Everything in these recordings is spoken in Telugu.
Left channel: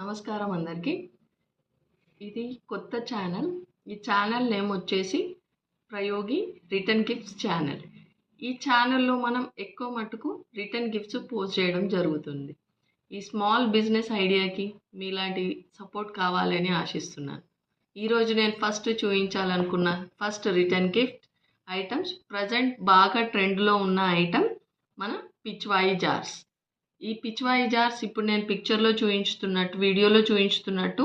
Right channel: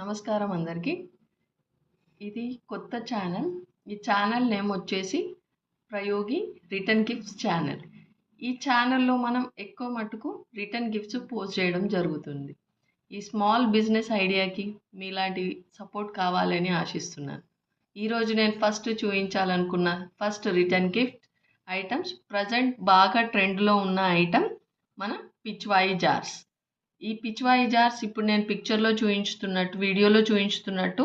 నమస్కారం అందరికీ. ఇది కొత్త ఛానల్. ఈ ఛానల్ నేమ్ వచ్చేసి ప్రయోగి రిటర్న్ గిఫ్ట్స్ ఛానల్. ఈ ఛానల్లో మనం ఎక్కువ మటుకు రిటర్న్ గిఫ్ట్స్ పోస్ట్ చేయడం జరుగుతుంది. ఈ స్మాల్ బిజినెస్ ఐడియాకి మీలాంటి సపోర్ట్ కావాలని ఆశిస్తున్నాను. ఈరోజు నేను చూపించాలనుకున్న first return gift items present బాగా ట్రెండ్లో ఉన్న ఐటమ్ మన పిచ్వాయి జార్స్. ఈ పిచ్వాయి జార్స్ ఇప్పుడు నేను పిక్చర్లో వీడియోలో చూపించుతున్నట్టు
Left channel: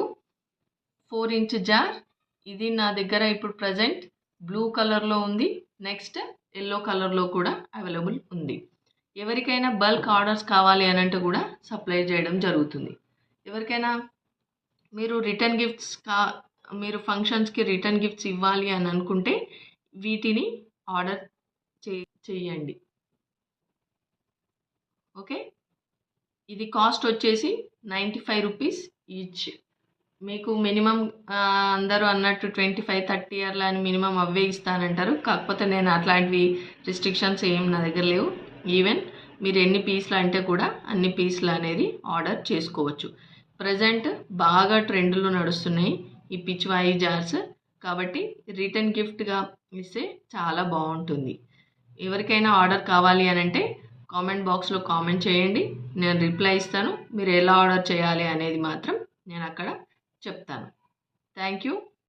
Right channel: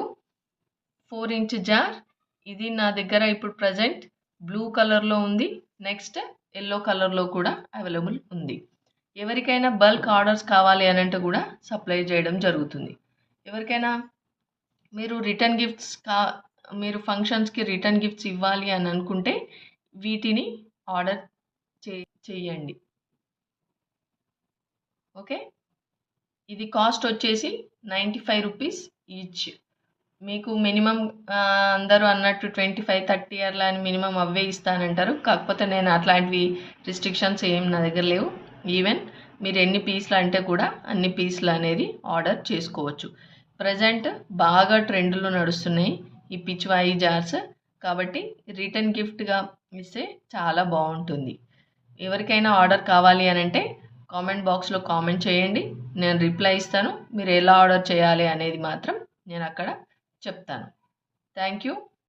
4 ఇంచ్ జార్. ఇది నా దగ్గర ఇప్పుడు ప్రజెంట్ బ్లూ కలర్లో ఉంది. నెక్స్ట్ ఎల్లో కలర్లో కూడా అవైలబుల్ ఉంది. ఎవరికైనా బల్క్ ఆర్డర్స్ కావాలి అని అంటే కూడా సప్లై చేయడం జరుగుతుంది. ఎవరికైనా మీరు రిటర్న్ గిఫ్ట్స్ మీరు ఫంక్షన్స్కి రిటర్న్ గిఫ్ట్స్ ఇవ్వాలి అని అనుకుంటే వీటిని ఆర్డర్ చేయండి. ఓకే, ఇది కాస్ట్ వచ్చేసి 95 రూపీస్ ఈచ్. మీకు మినిమం అందరూ అన్నట్టు 25-30 అట్లా అని మినిమం అవే ఇస్తానంటారు. కాకపోతే నేను అట్లాంటివి రిస్ట్రిక్షన్స్ ఏం నా దగ్గర లేవు. ఈవెన్ మీరు ఎన్ని పీసులు అంటే కూడా అన్ని పీసులు అనేది ఆర్డర్ చేసుకోవచ్చు. ప్రజెంట్ బాగా ట్రెండ్లో నడుస్తున్నాయి ఈ పిచ్వాయి జార్స్. కాబట్టి రిటర్న్ గిఫ్ట్గా ఇస్తే చాలా బాగుంటుంది. ఎవరికైనా ఆర్డర్ కావాలి అని అంటే కామెంట్ బాక్స్లో కామెంట్ చేయండి, నేను రిప్లై ఇస్తాను. మీరు ఎలా ఆర్డర్ చేయాలి అనేది మాత్రం నేను అక్కడ చెప్తాను. Thank you.